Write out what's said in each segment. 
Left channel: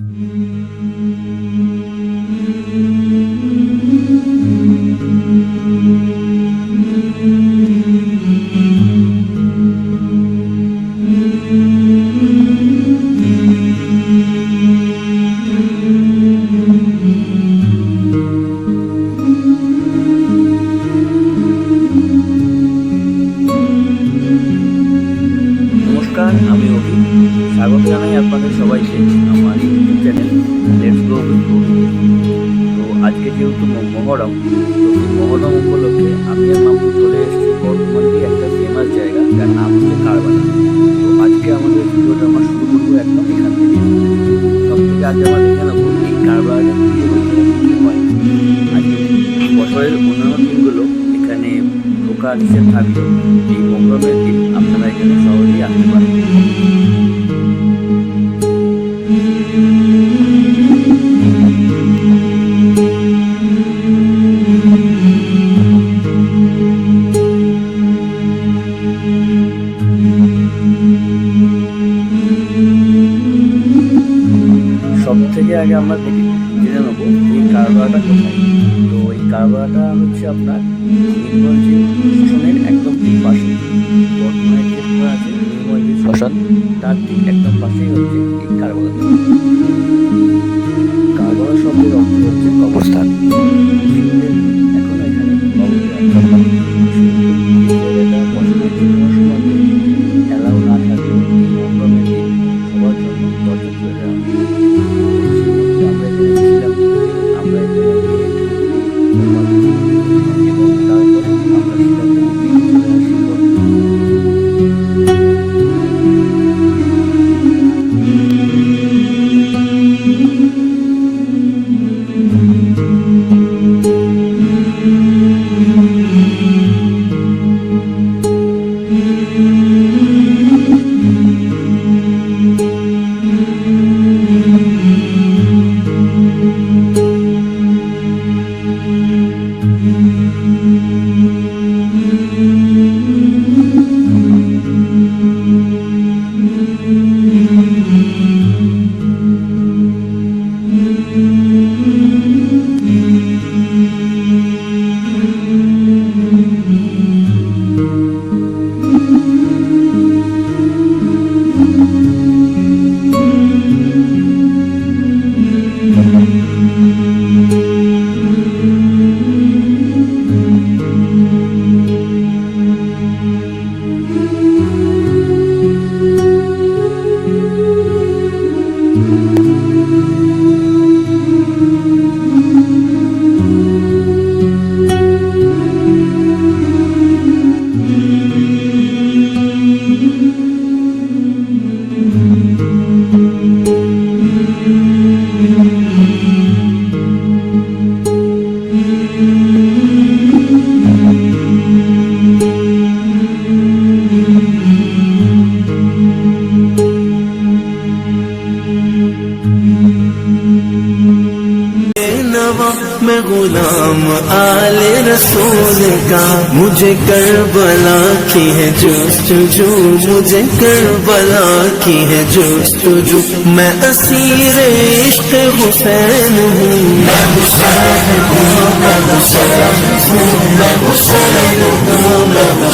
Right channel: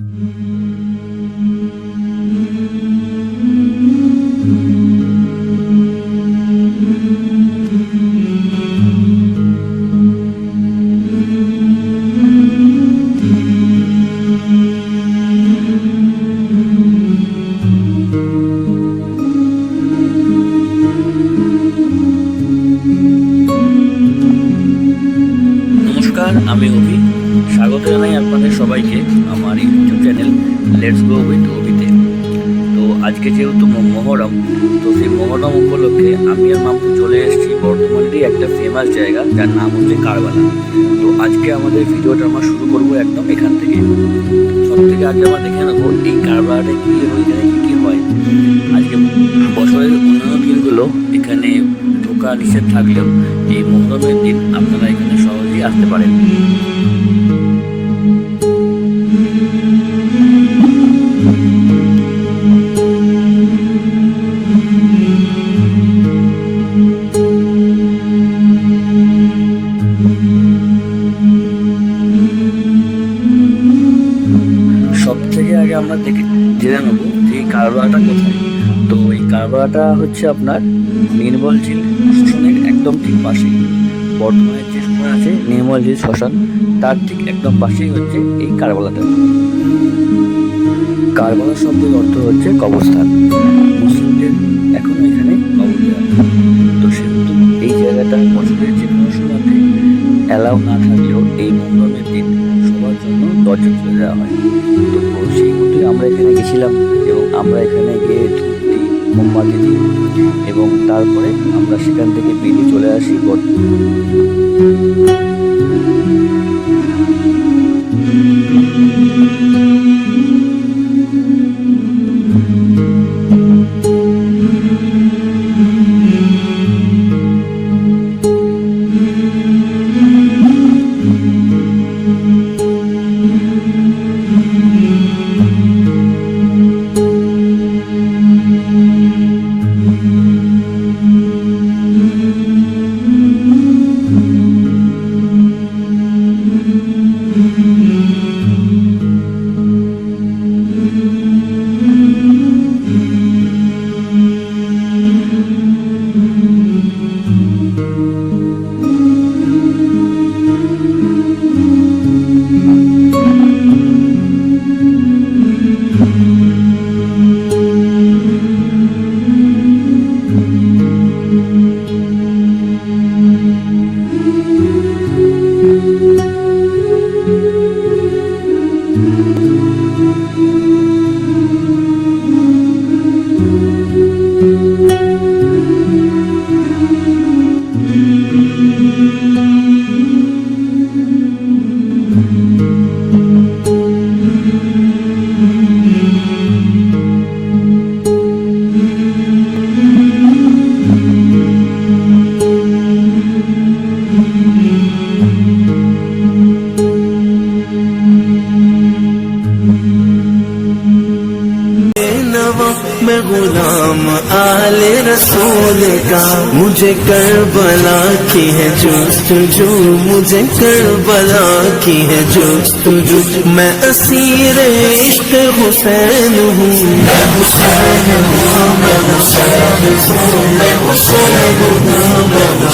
Mm-hmm. বছরের অন্যান্য দিনগুলো এখানে ঢোকা নিষেধ থাকলেও এই মহরমের দিন আপনারা এখানে সহজেই আসতে পারেন। হচ্ছে আপনার নির্মল ঝিল শ্মশানের একদম ঠিক পাশে। বর্তমানে যে সময় আছে নির্মল ঝিল শ্মশান, তার ঠিক একদম পাশেই হচ্ছে এই কারবালা দেওয়া কারবালা শব্দের অর্থ হচ্ছে কবরস্থান। مجھے کربلا کی ہے جوست جو، مجھے کربلا کی ہے جوست جو۔ میں اسیر عشق حسین ہوں میں حسین ہوں میں حسین ہوں میں حسین ہوں میں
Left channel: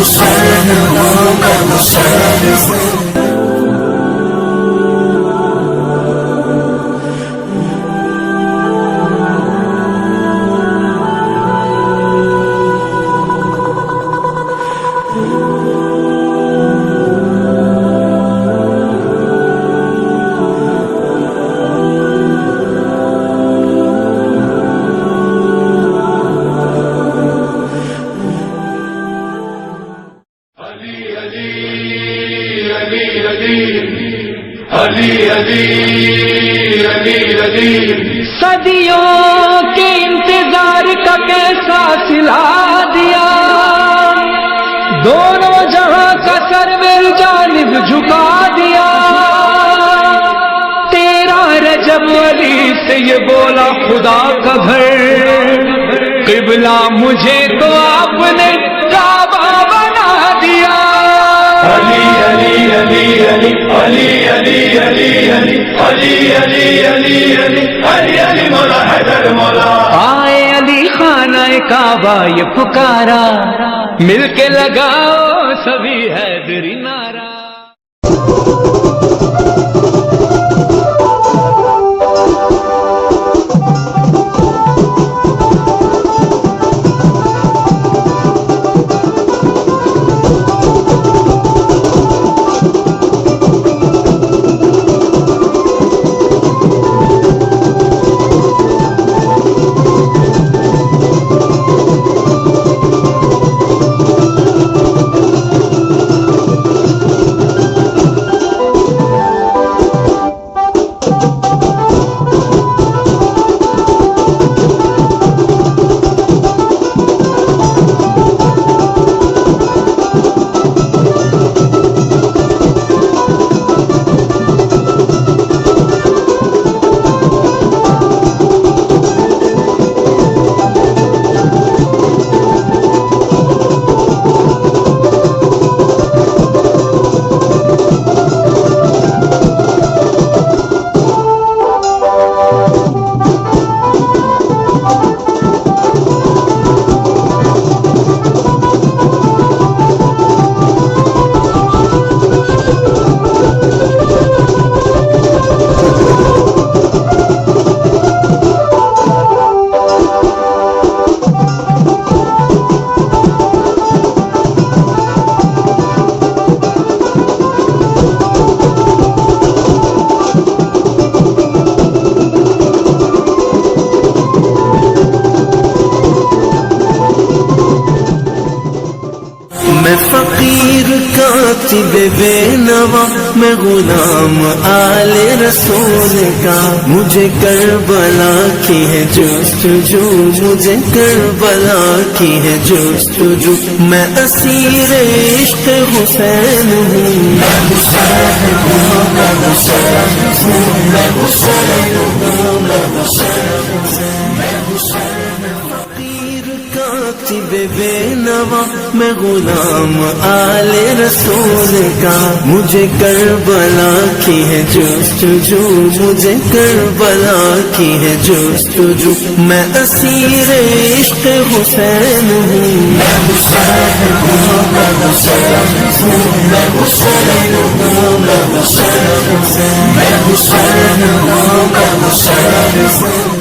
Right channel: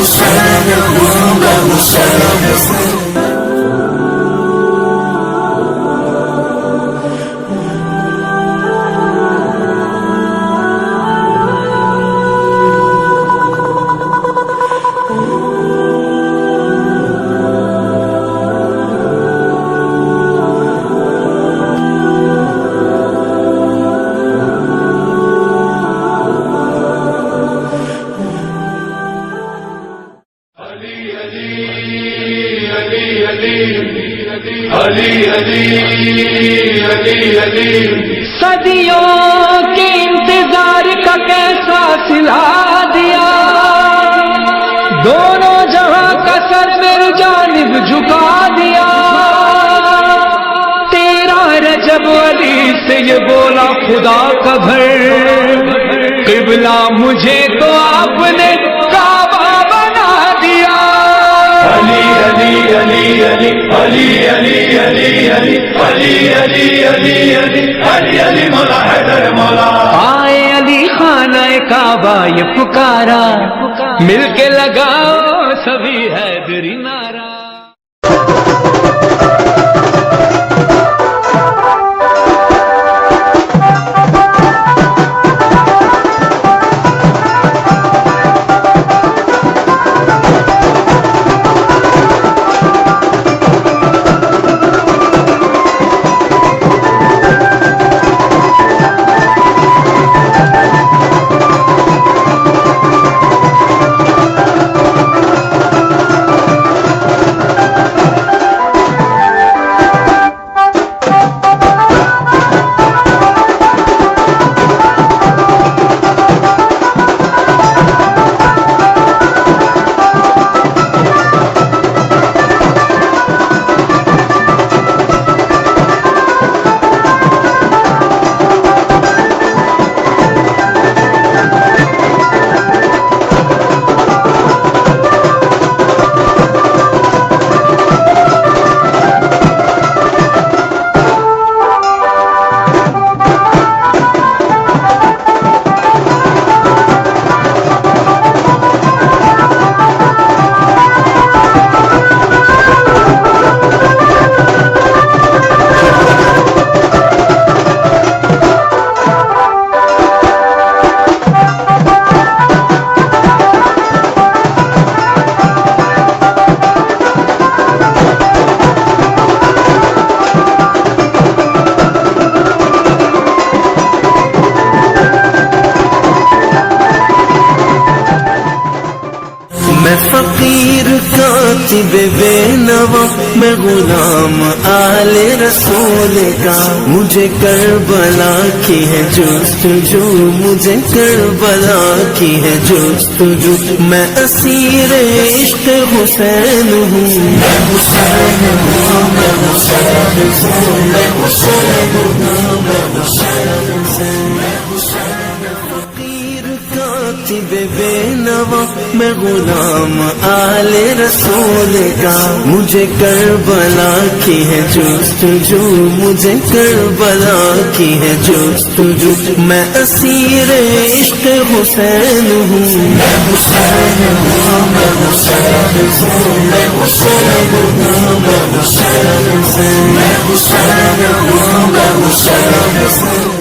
حسین ہوں۔ میں حسین ہوں۔ جب جھکا دیا تیرا رجب علی سے یہ بولا خدا کا گھر قبلہ مجھے تو آپ نے کعبہ بنا دیا علی علی علی علی علی علی علی علی علی علی علی علی مولا حیدر مولا آئے علی خانہ کعبہ یہ پکارا مل کے لگاؤ سبھی حیدری نا جی کاتب بے نوا میں غلام آل رسول کا۔ مجھے کربلا کی ہے جست جو مجھے کربلا کی ہے جست جو میں اسیر عشق حسین ہوں۔ میں حسین ہوں، میں حسین ہوں، میں حسین ہوں، میں حسین کاتب بے نوا، میں غلام آل رسول کا۔ مجھے کربلا کی ہے جست جو، مجھے کربلا کی ہے جست جو۔ میں اسیر عشق حسین ہوں۔ میں حسین ہوں، میں حسین ہوں، میں حسین ہوں، میں حسین ہوں۔ میں حسین ہوں، میں حسین ہوں۔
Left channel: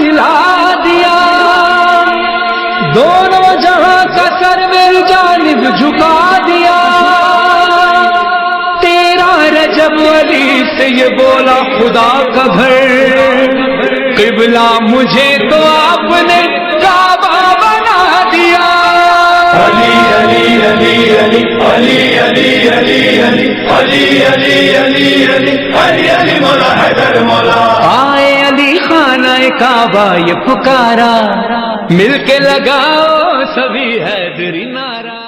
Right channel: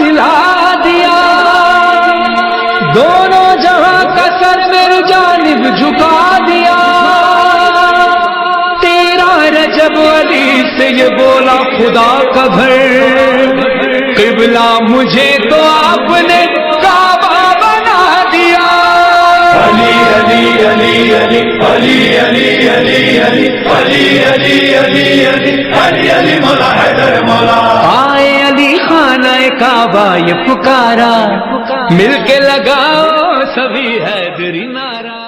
سلا دیا دونوں جہاں کا سر میری جانب جھکا دیا تیرا رجب علی سے یہ بولا خدا کا گھر قبلہ مجھے تو آپ نے کعبہ بنا دیا Ali, Ali, Ali, Ali, Ali, Ali, Ali, Ali, Ali, Ali, Ali, Ali, Ali, Ali, مولا حیدر مولا علی خانہ کعبہ یہ پکارا۔ مل کے لگاؤ سبھی حیدری نارا۔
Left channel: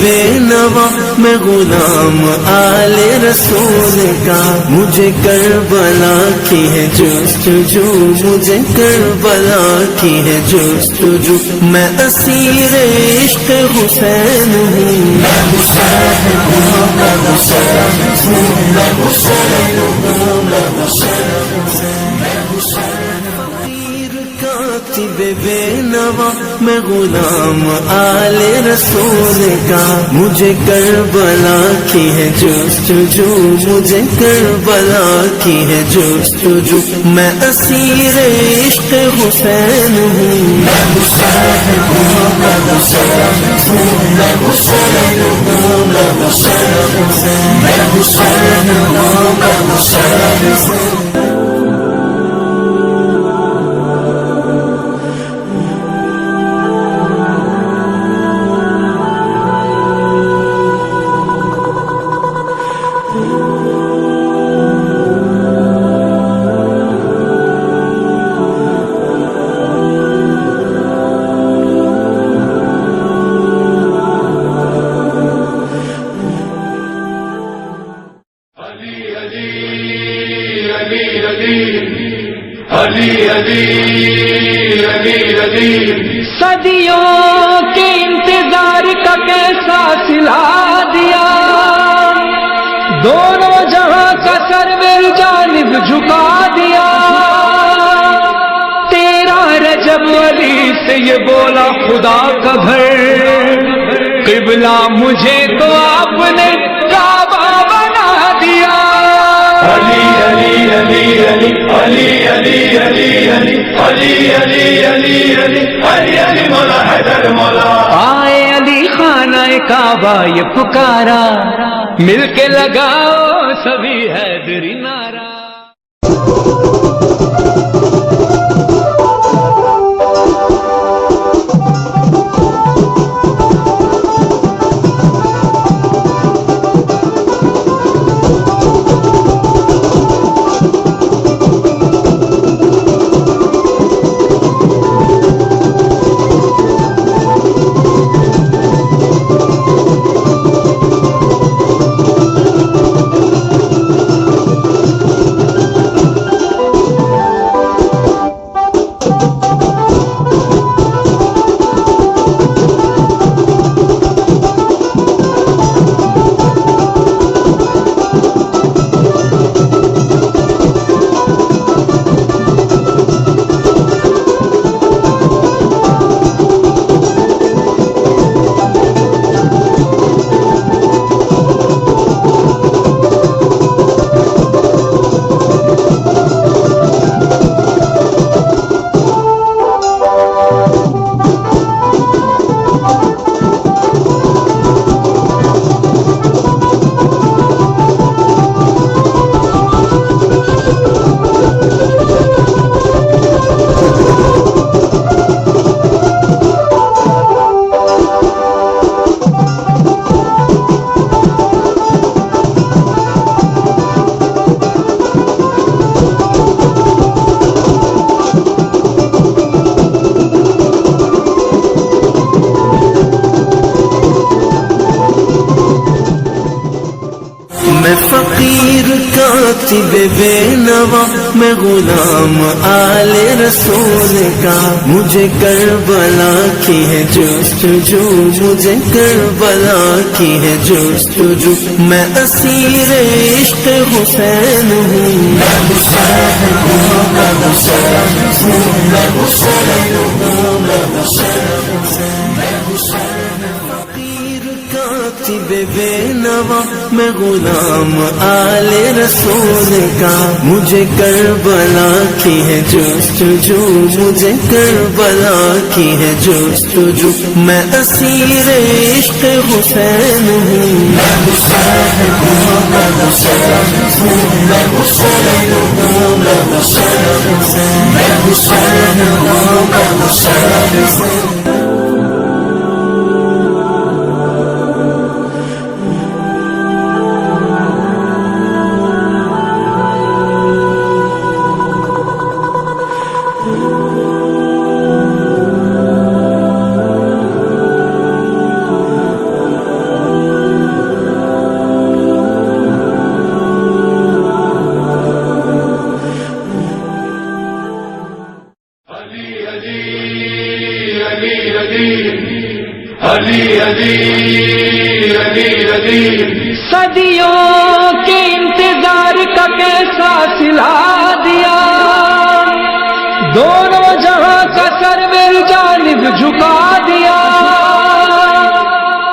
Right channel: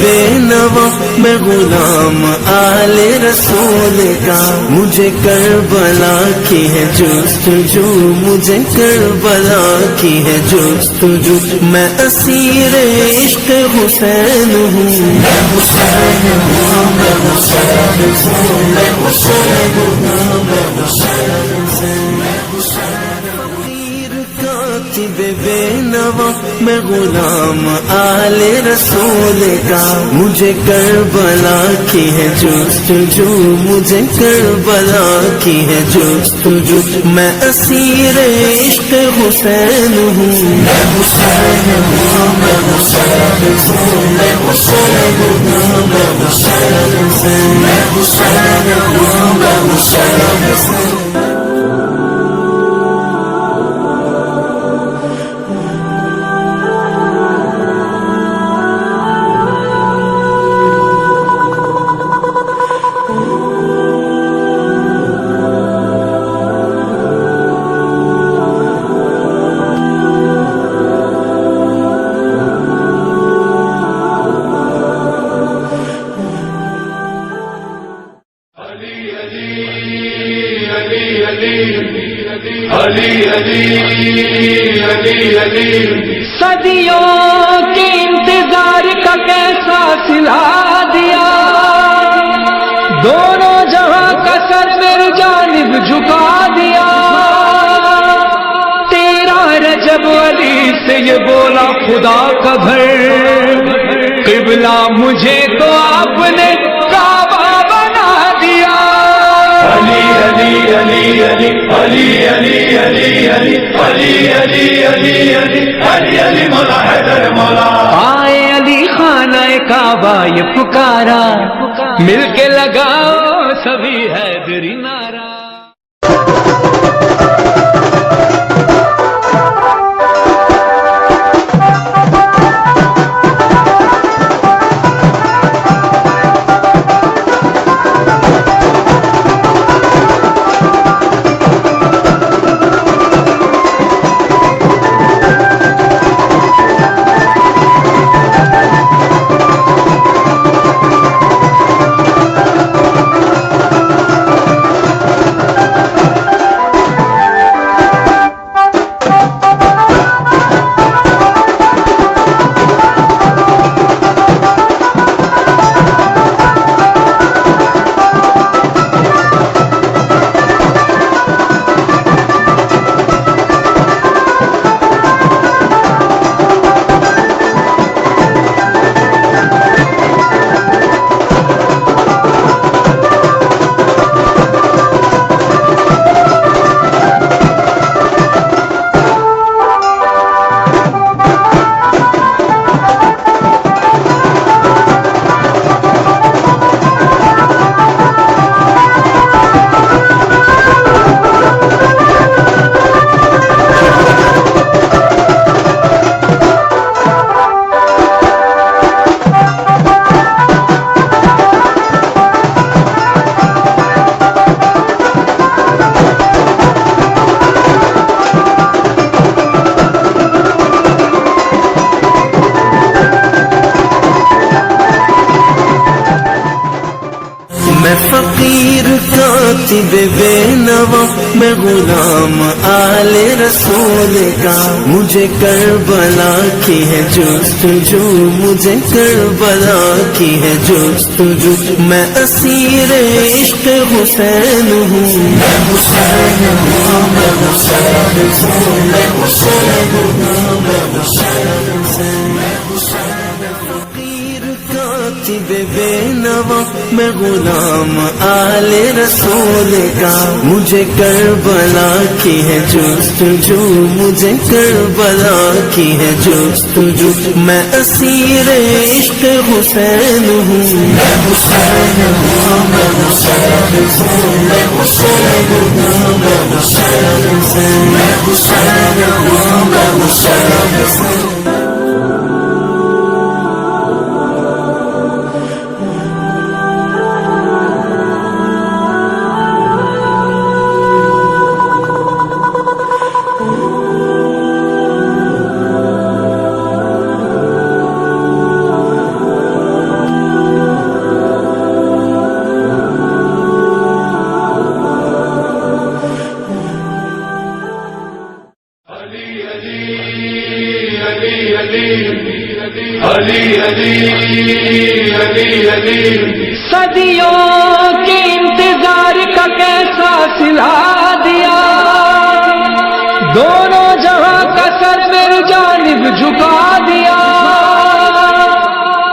بے نوا، میں غلام آل رسول کا۔ مجھے کربلا کی ہے جستجو، مجھے کربلا کی ہے جستجو۔ میں اسیر عشق حسین ہوں۔ میں حسین ہوں میں حسین ہوں میں حسین ہوں میں حسین میں حسین فقیر کاتب بے نوا میں غلام آل رسول کا مجھے کربلا کی ہے جستجو مجھے کربلا کی ہے جستجو میں اسیر عشق حسین ہوں میں حسین ہوں میں حسین ہوں میں حسین ہوں میں حسین ہوں میں حسین ہوں میں حسین ہوں کا سلا دیا۔ دونوں جہاں کا سر میری جانب جھکا دیا۔ تیرا رجب علی سے یہ بولا خدا کا بھر قبلہ مجھے تو آپ نے علی علی علی علی علی علی علی علی علی علی علی علی علی علی مولا حیدر مولا آئے علی خانہ کعبہ یہ پکارا مل کے لگاؤ سبھی حیدری نارا کاتب بے نوا میں غلام آل رسول کا۔ مجھے کربلا کی ہے جستجو، مجھے کربلا کی ہے جستجو۔ میں اسیر عشق حسین ہوں۔ میں حسین ہوں میں حسین ہوں میں حسین ہوں میں حسین ہوں میں حسین فقیر کاتب بے نوا میں غلام آل رسول کا مجھے کربلا کی ہے جستجو مجھے کربلا کی ہے جستجو میں اسیر عشق حسین ہوں میں حسین ہوں، میں حسین ہوں، میں حسین ہوں، میں حسین ہوں، میں حسین ہوں، میں حسین ہوں۔ صدیوں کے انتظار کا کیسا سلا دیا؟ دونوں جہاں کا سر میری جانب جھکا دیا۔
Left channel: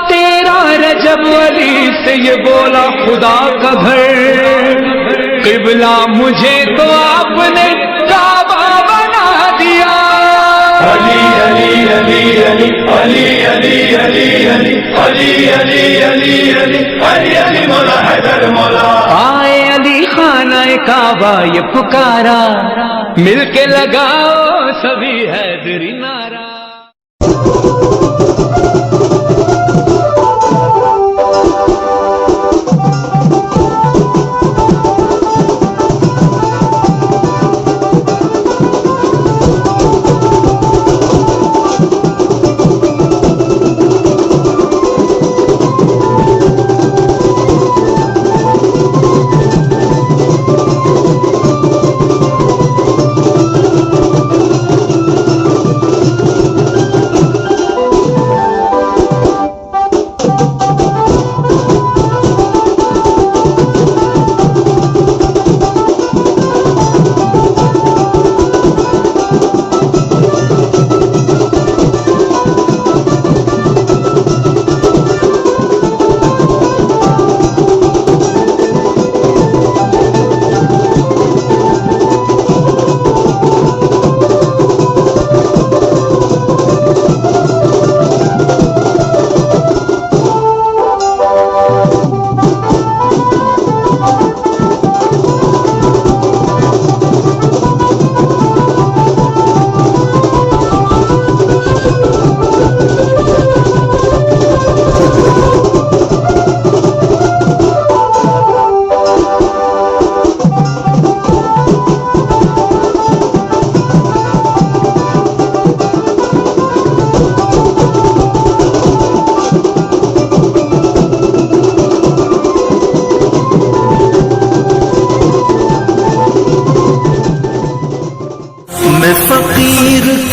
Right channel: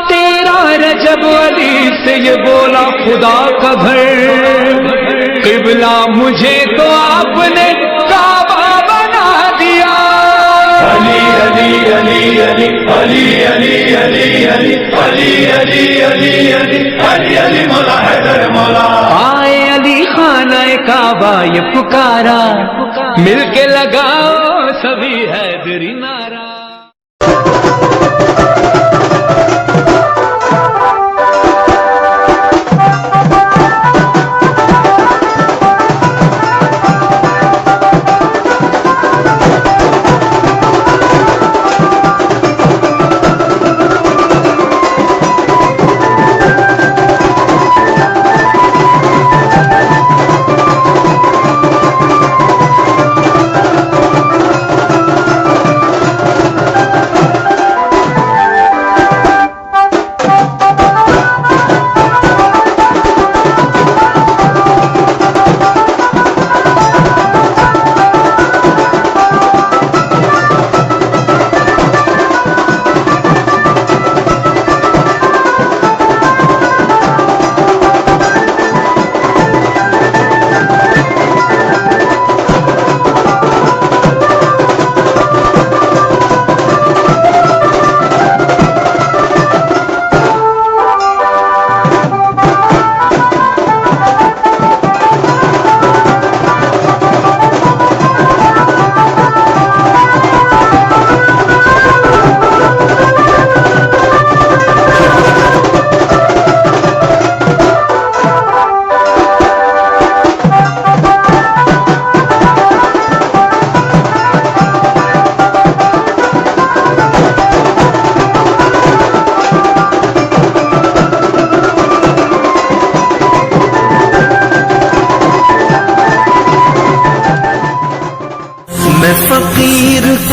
تیرا رجب علی سے یہ بولا خدا کا گھر۔ قبلہ مجھے تو آپ نے کعبہ علی علی علی علی علی علی علی علی علی علی علی علی مولا حیدر مولا آئے علی خانہ کعبہ یہ پکارا۔ مل کے لگاؤ سبھی حیدری نارا۔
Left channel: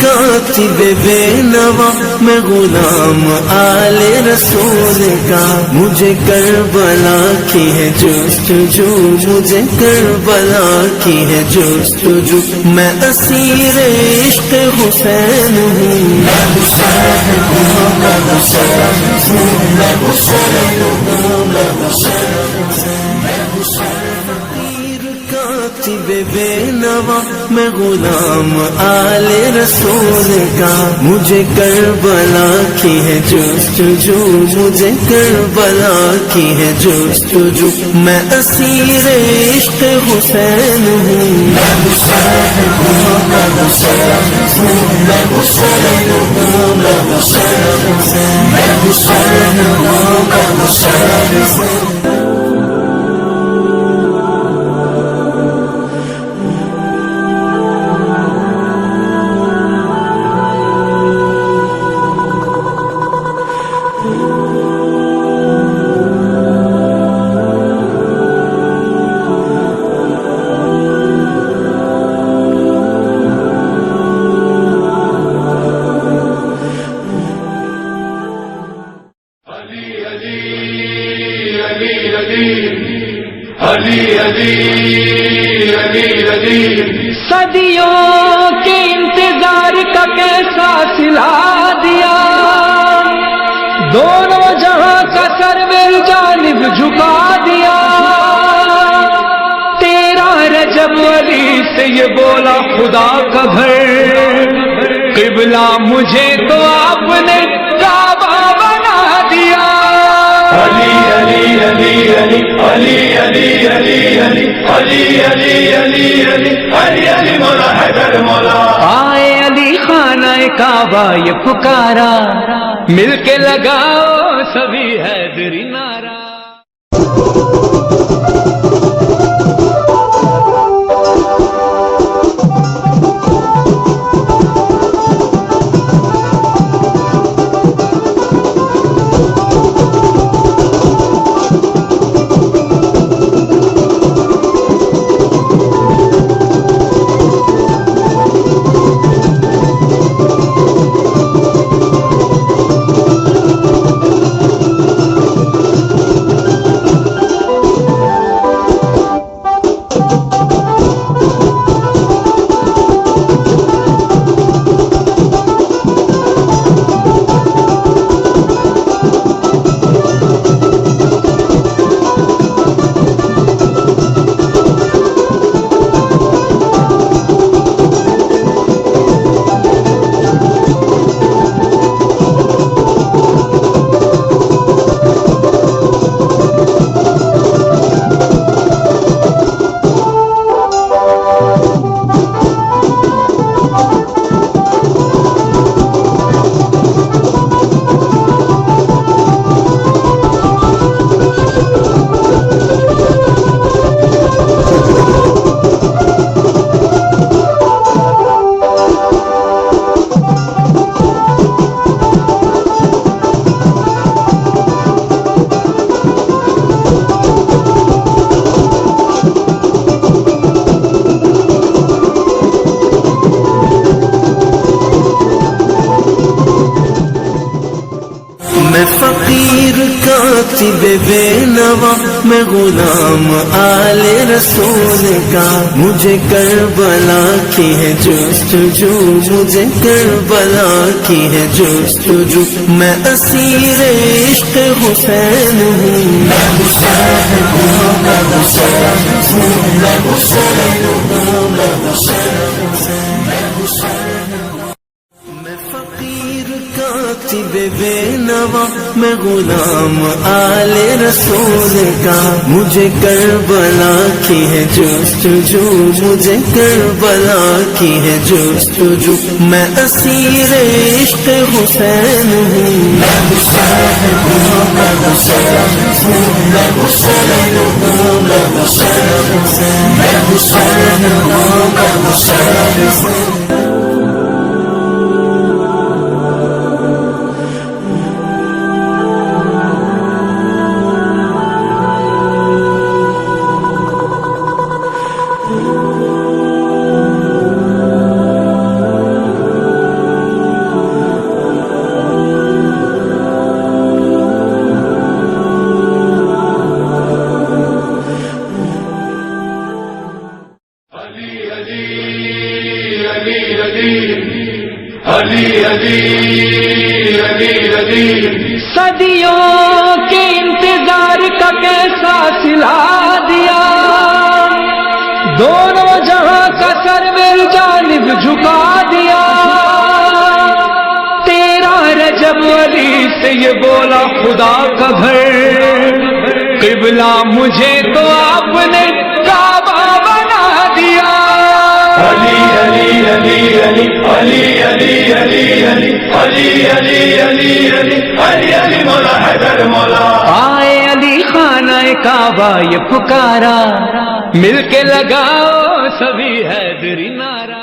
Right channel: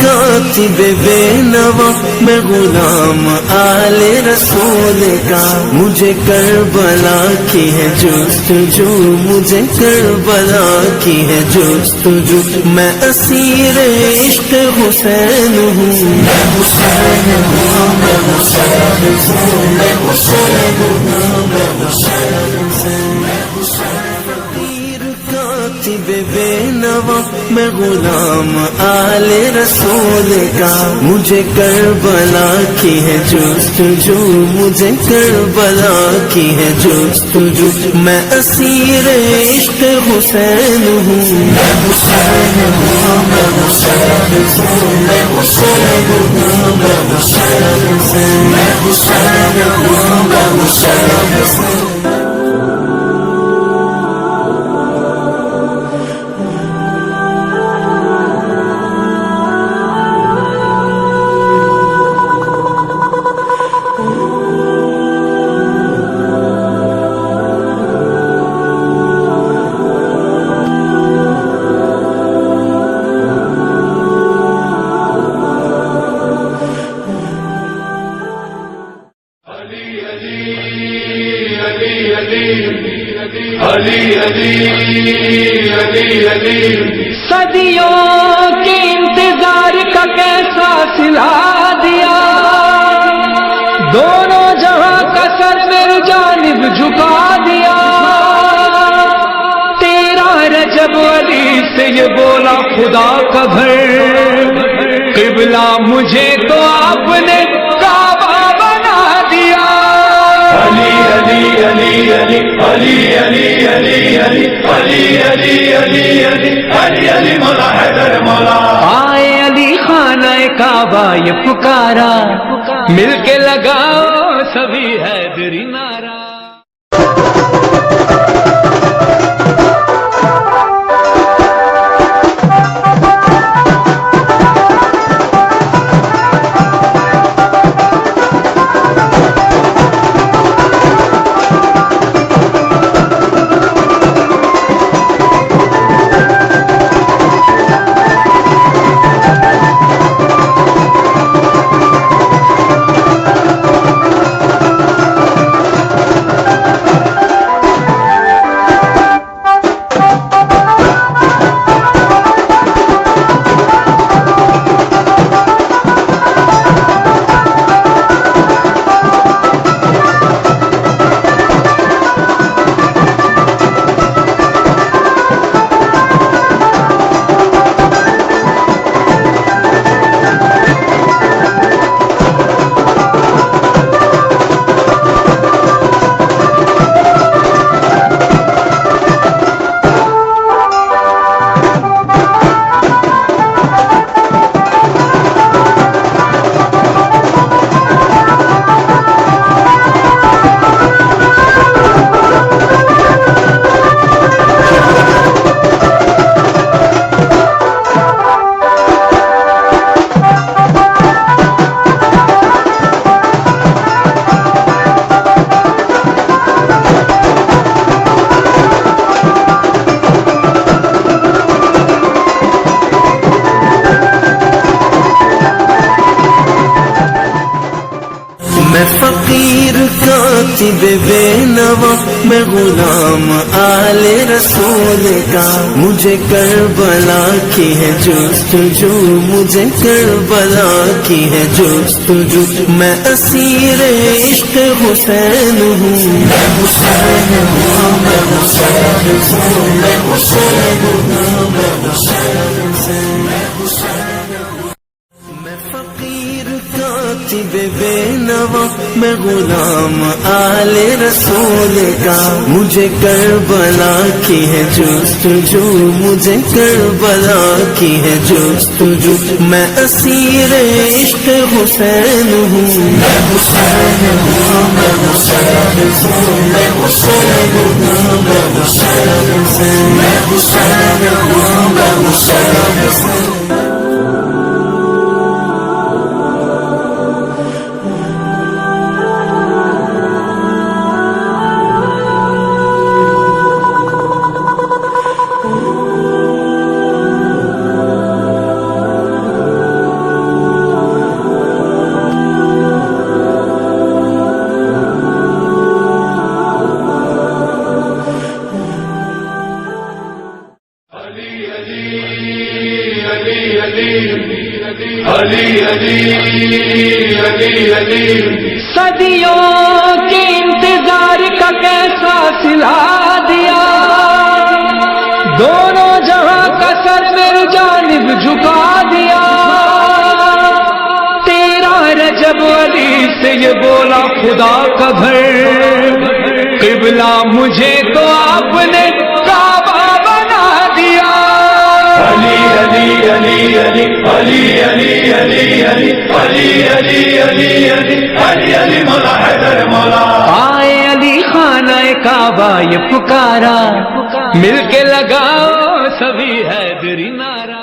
کاتب بے نوا میں غلام آل رسول کا۔ مجھے کربلا کی ہے جست جو مجھے کربلا کی ہے جست جو میں اسیر عشق حسین ہوں۔ میں حسین ہوں میں حسین ہوں میں حسین ہوں میں حسین بے نوا، میں غلام آل رسول کا مجھے کربلا کی ہے جست جو، مجھے کربلا کی ہے جست جو۔ میں اسیر عشق حسین ہوں۔ میں حسین ہوں۔ میں حسین ہوں میں حسین ہوں میں حسین ہوں میں حسین ہوں میں حسین ہوں علی علی علی علی صدیوں کے انتظار کا کیسا سلا دیا؟ دونوں جہاں کا سر میری جانب جھکا دیا۔ تیرا رجب علی سے یہ بولا خدا کا گھر۔ قبلہ مجھے تو آپ نے کعبہ بنا دیا علی علی علی علی علی علی علی علی علی علی علی علی علی علی مولا حیدر مولا آئے علی خانہ کعبہ یہ پکارا مل کے لگاؤ سبھی حیدری نارا میں فقیر کاتب بے نوا، میں غلام آل رسول کا۔ مجھے کربلا کی ہے جستجو، مجھے کربلا کی ہے جستجو۔ میں اسیر عشق حسین ہوں۔ میں حسین ہوں میں حسین ہوں میں حسین ہوں میں حسین کاتب بے نوا، میں غلام آل رسول کا۔ مجھے کربلا کی ہے جستجو مجھے کربلا کی ہے جستجو میں اسیر عشق حسین ہوں۔ میں حسین ہوں، میں حسین ہوں، میں حسین ہوں، میں حسین ہوں۔ میں حسین ہوں، میں حسین کا کیسا سلا دیا؟ دونوں جہاں کا سر میری جانب جھکا دیا۔ تیرا رجب علی سے یہ بولا خدا کا گھر۔ قبلہ مجھے تو آپ نے کعبہ بنا دیا۔ علی علی علی علی علی علی علی علی علی علی علی علی علی علی مولا حیدر مولا آئے علی خانہ کعبہ یہ پکارا مل کے لگاؤ سبھی حیدری نارا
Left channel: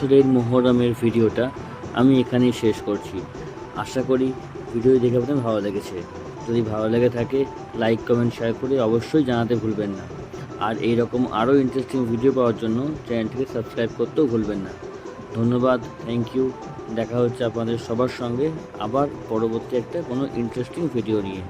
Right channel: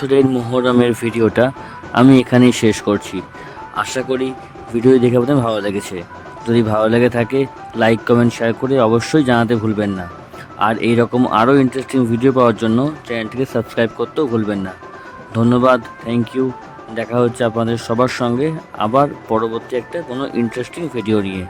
বছরের মোহরমের ভিডিওটা আমি এখানেই শেষ করছি। আশা করি ভিডিও দেখে আপনাদের ভালো লেগেছে। যদি ভালো লেগে থাকে লাইক কমেন্ট শেয়ার করে অবশ্যই জানাতে ভুলবেন না। আর এই রকম আরও ইন্টারেস্টিং ভিডিও পাওয়ার জন্য চ্যানেলটিকে সাবস্ক্রাইব করতেও ভুলবেন না। ধন্যবাদ থ্যাংক ইউ দেখা হচ্ছে আপনাদের সবার সঙ্গে আবার পরবর্তী একটা কোনো ইন্টারেস্টিং ভিডিও নিয়ে।